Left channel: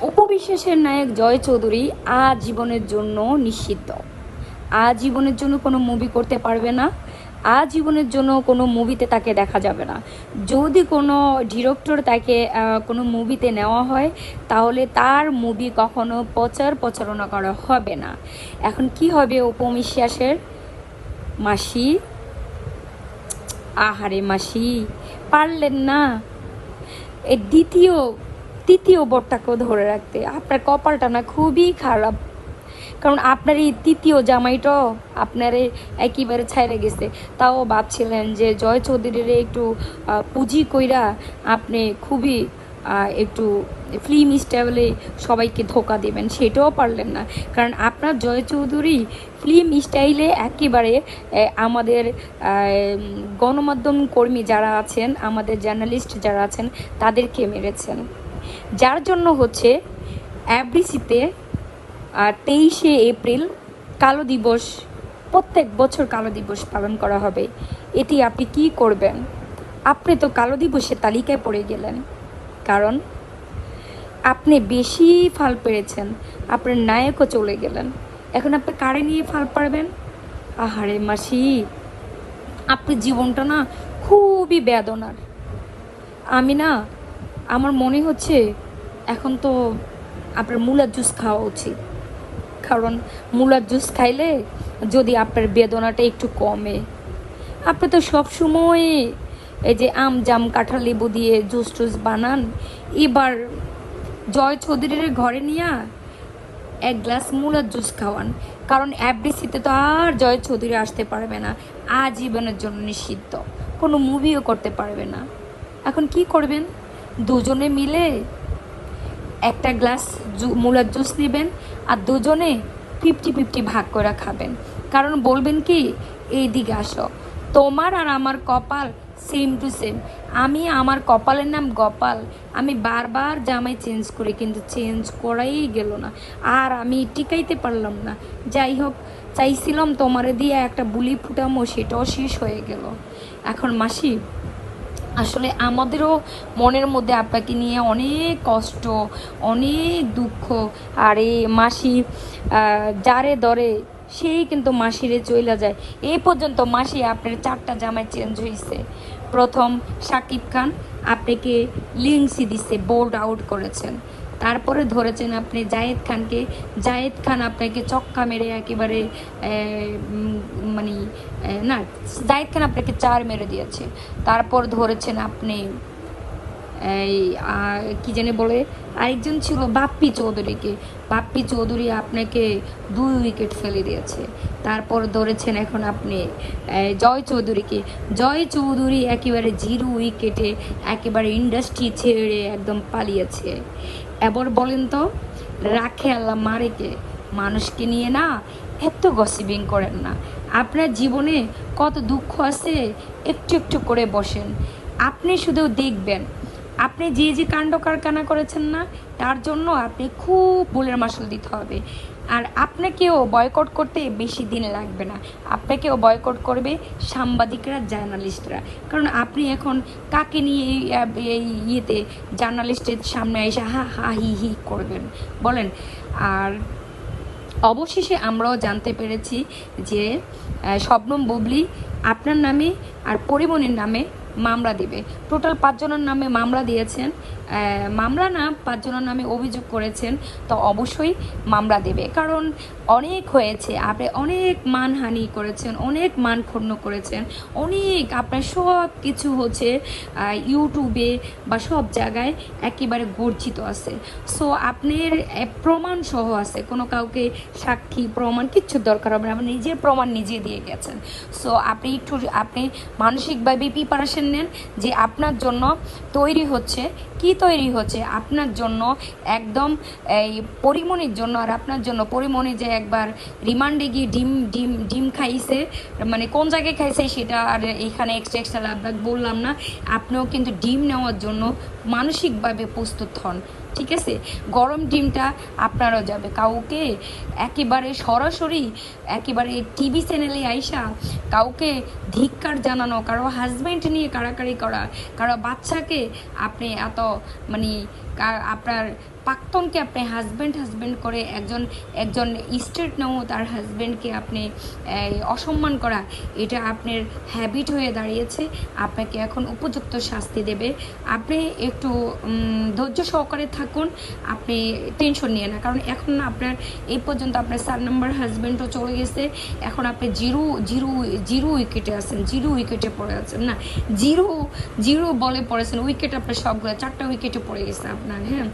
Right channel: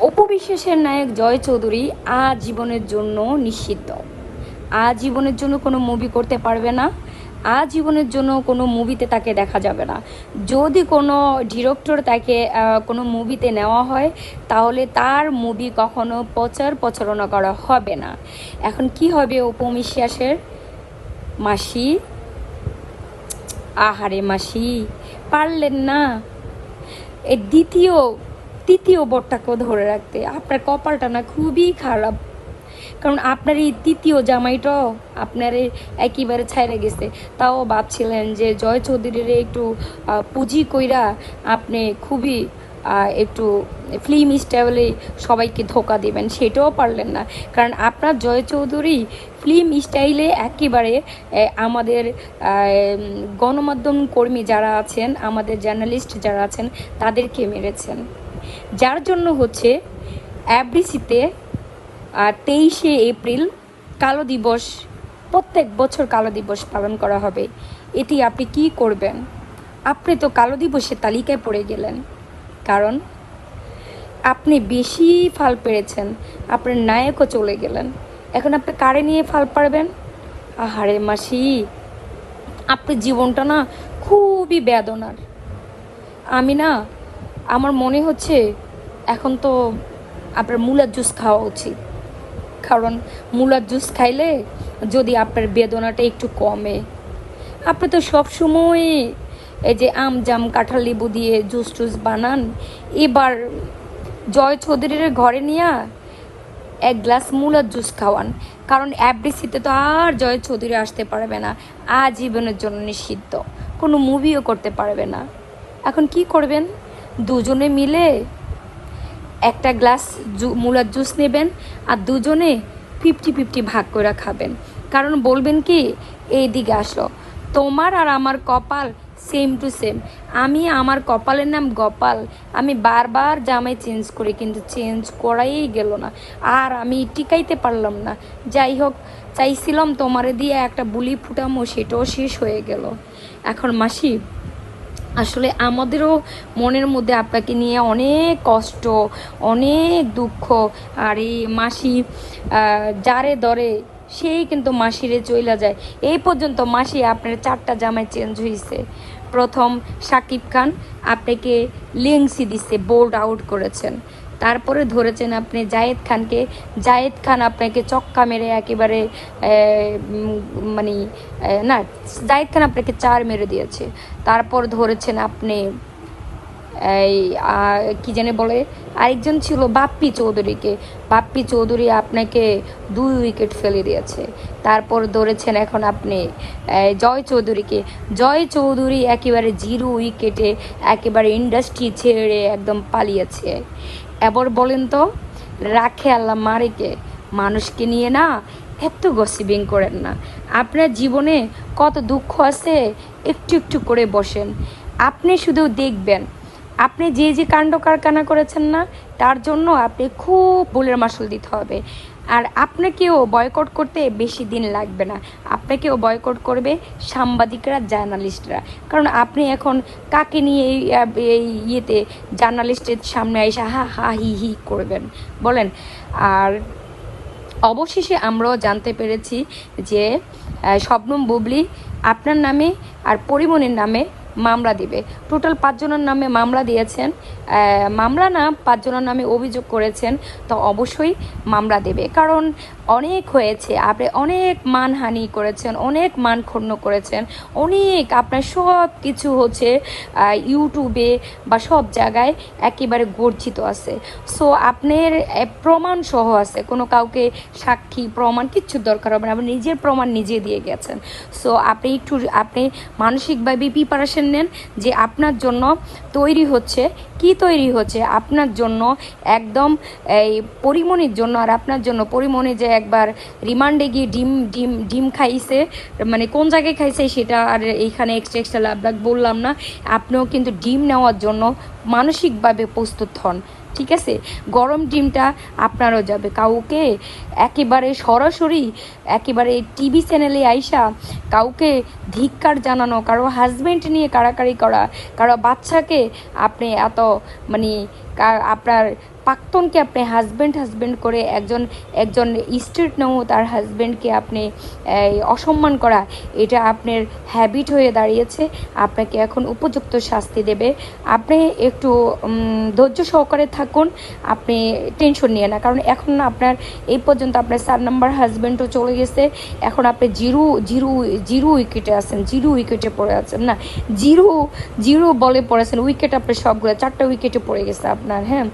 অপু বিশ্বাসের নায়ক জয় চৌধুরী আজীবনের জন্য নিষিদ্ধ। আজীবনের জন্য কোনো মুভি করতে পারবে না। আজীবনের জন্য কোনো মুভিতে তাকে দেখা যাবে না। যদি কোনো ডিরেক্টর তাকে কোনো মুভিতে নেওয়া হয়, তাহলে তার মুভি কখনো প্রচার প্রচারণা করা হবে না। এখন কি হবে অপু বিশ্বাসের? মাসি? আহারে মাসি, পারলেন না। এই দ্বিতীয়, তৃতীয় বরটাকেও ধরে রাখতে। আপনার কপালটা না খুবই খারাপ। কারণ আপনার এই তৃতীয় জামাইটাও আপনার এই একেবারে ছাইরে গেছে। তাও ভাবছিলেন যে জয় চৌধুরীর একটু পুঁজি কইরা আপনি খুবই একটু ফিল্ম স্টাইলে সবাইকে ধোকা দিবেন, সেটাও পারলেন না। কারণ আপনার জয় চৌধুরী ফিল্ম স্টাইলে একেবারে আমাদের গণমাধ্যম কর্মী যারা আছেন, আমাদের জার্নালিস্ট যারা আছেন, তাদেরকে মেরেছেন। যার জন্য হচ্ছে অ্যাব্রিসিতে তেইশে এপ্রিল কালো দিবস, প্রত্যেক বছর কালো দিবস পালন করা হবে। এটি আপনি কি করবেন? আপনি তো কালো দিবসের তালিকায় পড়ে গেলেন। কারণ আপনি বেশি ফাল পেরেছেন, আপনার নায়কও চলে গেলেন। এখন আপনি কারে নিয়ে ফাল পারবেন? আহারে মাসি, আপনার জীবনটা না খুবই বেদনার। আমি না, আমার মনে হচ্ছে এখন তো আপনার মূলার জুস খাওয়া উচিত। কারণ মূলার জুস খাইলে যদি আপনার বেদনাটা একটু কমে। আপনি তো সব সময় এই যে আম, জাম, কাঁঠাল, লেবু দিয়ে জুস টুস বানান, এবার জয় চৌধুরীর ঘরে নিয়ে এক গ্লাস মূলার জুস খাওয়ান। কারণ অ্যাবডিসিতে তো আর জয় চৌধুরী আসতে পারবে না, আজীবনের জন্য নিষিদ্ধ। কোনো মুভিও করতে পারবে না। এখন কি করবেন? দুজনে মিলে একটা গ্লাস মূলার জুস নেবেন আর দুজনে ফিফটি ফিফটি ভাগ করে খাবেন। কারণ বলবেন কি, এই দিকে আসো। তোমার আর আমার কপাল সেম টু সেম আমি আমার কপালের নাম গোপাল। আমি বারবার জামাই চেঞ্জ করি, কিন্তু চেঞ্জ করাই গেল না। আর আমি টিকাইতে পারলাম না। যাই হোক, চাইছিলাম তোমারে দিয়ে একটা বুলি ফুটামো, সেটাও শেষ হয়ে গেল। এখন মাসি আসলে আমাদেরও মনের মধ্যে আপনাকে নিয়ে অনেক কষ্ট, অনেক দুঃখ, আর এই মাসি যারে দরে, সেই কিন্তু মাসিরে চইলা যায়। এই পর্যন্ত মাসি আপনার চারটা জামাই চেঞ্জ হয়েছে প্রথম সাকিব খান আপনাকে লেংসি দিছে বোর্ড আউট করেছেন। তারপরে ধরেছেন আপনি জায়েদ খানকে, জায়েদ খান আপনাকে চক্কা মেরে একেবারে মানে না, জায়েদ খান আপনাকে চার মেরে দিয়েছে। তারপর ধরেছেন আপনি এই কি জানে বলে, আরেকজন ছিল বাপ্পি চৌধুরীকে। বাপ্পি চৌধুরী আপনাকে দুই উইকেট ফেলে দিয়েছে। তারপর ধরেছেন এখন আপনি জয় চৌধুরীকে। জয় চৌধুরী একেবারে জিরো উইকেটে একেবারে ইন্ডাস্ট্রি ছেড়ে একদম পালিয়েছে। এবার বলেন তো, রাখে আল্লাহ মারেকে। মানুষকে নিয়ে না এত গসিবিং করেন না। আপনার জীবনে কত দুঃখ আছে? একটু একটু করে বসেন। আপনি শুধু দেখবেন। আপনি যে যে কাণ্ড কারখানা করেছেন না, তার জন্য আপনি খুব ভুলের মাসুল দিতে হবে। আর আপনাকেও বয়কট করতে বেশি দিন লাগবে না। আপনাকেও বয়কট করবে সাংবাদিকরা জার্নালিস্টরা কারণ আপনি এখন কাকে নিয়ে এই ইয়েতে জার্নালিস্টের সামনে এসে হা হা, হি হি করবেন? বলেন। আর অবশেষে আমরাও জানতে পেরেছি যে শবনম বুবলি আপনার নামে আর পরিমণের নামে মামলা দিবে। টোটাল পাঁচজনের নামে মামলা দিয়েছেন। মামলা না পাঁচজনের নামে অভিযোগ করেছেন, তো অবশ্যই মামলা দেবে। কারণ অনেক হয়েছে, আপনি অনেক মানহানি করেছেন, অনেক মান ক্ষুণ্ণ করেছেন, অনেক আপনার সব কিছু হচ্ছে ইউটিউবে বা সব জায়গায় একেবারে গর্জিত আছে। সো আপনার প্রমাণ সহ আছে, কোনো কাউকে সাক্ষী, প্রমাণ কিচ্ছু দরকার হবে না, আপনি নিজের প্রমাণ নিজে দিয়ে গেছেন। সো আপনি একটু, আপনি মানসিকভাবে প্রিপারেশন নেন যে আপনার জন্য তৈরি হচ্ছে, কি তৈরি হচ্ছে? আপনার জন্য একদম এই পরিমণির জন্য আর আপনার জন্য পরিমণি যে একবার রিমান্ডে গিয়ে ডিম ডিম ডিম খাইছে মানে কোন জায়গায় খাইছে সেটা আর এইখানে এক্সট্রা এক্সট্রা লাভ লাভ বললাম না। আপনিও কিন্তু ডিম নেওয়ার জন্য মানসিকভাবে প্রস্তুত হন, ঠিক আছে? গরম ডিমটা আপনারও যাবে। কাউকে একেবারে সরাসরি একেবারে টিভি চ্যানেলে আইসা কাউকে ধিক্কার জানানো কারও হাজবেন্ড নিয়ে কাড়াকাড়ি করা কারও বাচ্চাকে আপনি এত মানে আপনার প্রাক্তনকে আপনি হাজবেন্ড হাজবেন্ড করে একজন একজন স্ট্রিট নেও, তার হাজবেন্ডকে আপনি অসম্মান করা, এটা আপনার হ্যাবিট হয়ে দাঁড়িয়েছে। আপনাকে এখন উপযুক্ত শাস্তি দেবে। আপনি একটু ধৈর্য সহকারে থাকুন। আপনি টেনশন নিয়ে না। কারণ এখন আপনার, এই পর্যন্ত আপনার চার নাম্বার হাজবেন্ডও চলে গেছে। এখন আপনি জিরো জিরো জিরো উইকেটে আছেন, জিরো উইকেটে পড়ে আছেন, না? জিরো জিরো বলে পড়েছেন উইকেট আপনি সবগুলো, চারটা উইকেটে পড়ে গেছে আপনার হ্যাঁ?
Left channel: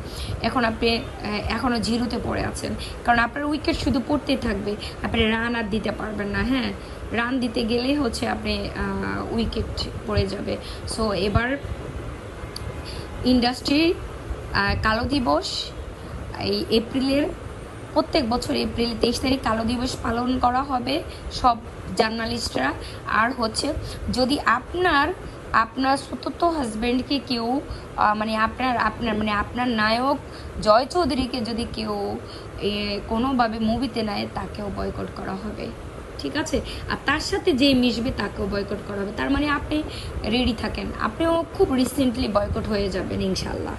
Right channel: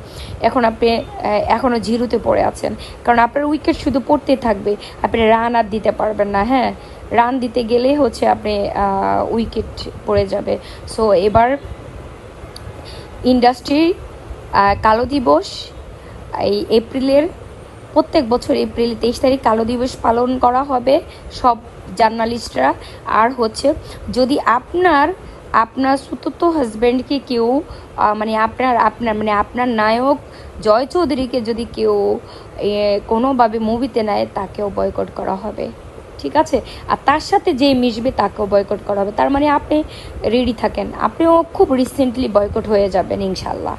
এখন আপনি আহ, এখনও জিরোতে পড়ে আছেন। কারণ আপনার উইকেট শুধু পড়তে থাকবে আপনি রান আর দিতে পারবেন না হ্যাঁ? রান দিতে গেলে হচ্ছে আপনি উইকেট পড়ে যাবে। সো এবার ইন্ডাস্ট্রির কালো দিবস এই এপ্রিলের প্রত্যেক বছর এপ্রিল তেইশ তারিখ কালো দিবস পালন করা হবে সব জার্নালিস্টরা। আর হচ্ছে যদি আপনার আপনার সুতুত হাজব্যান্ডকে কেউ মানে আপনার আপনার মানে আপনার নায়ক জয় চৌধুরীকে যদি কেউ কোনোভাবে মুভিতে নেয়, তাকেও বয়কট করা হবে। ঠিক আছে? আর তার সাথে যে মিশবে, তাকেও বয়কট করা হবে। তার মানে আপনি রেডি থাকেন। আপনিও খুব রিসেন্টলি বয়কট হয়ে যাবেন ইনশাল্লাহ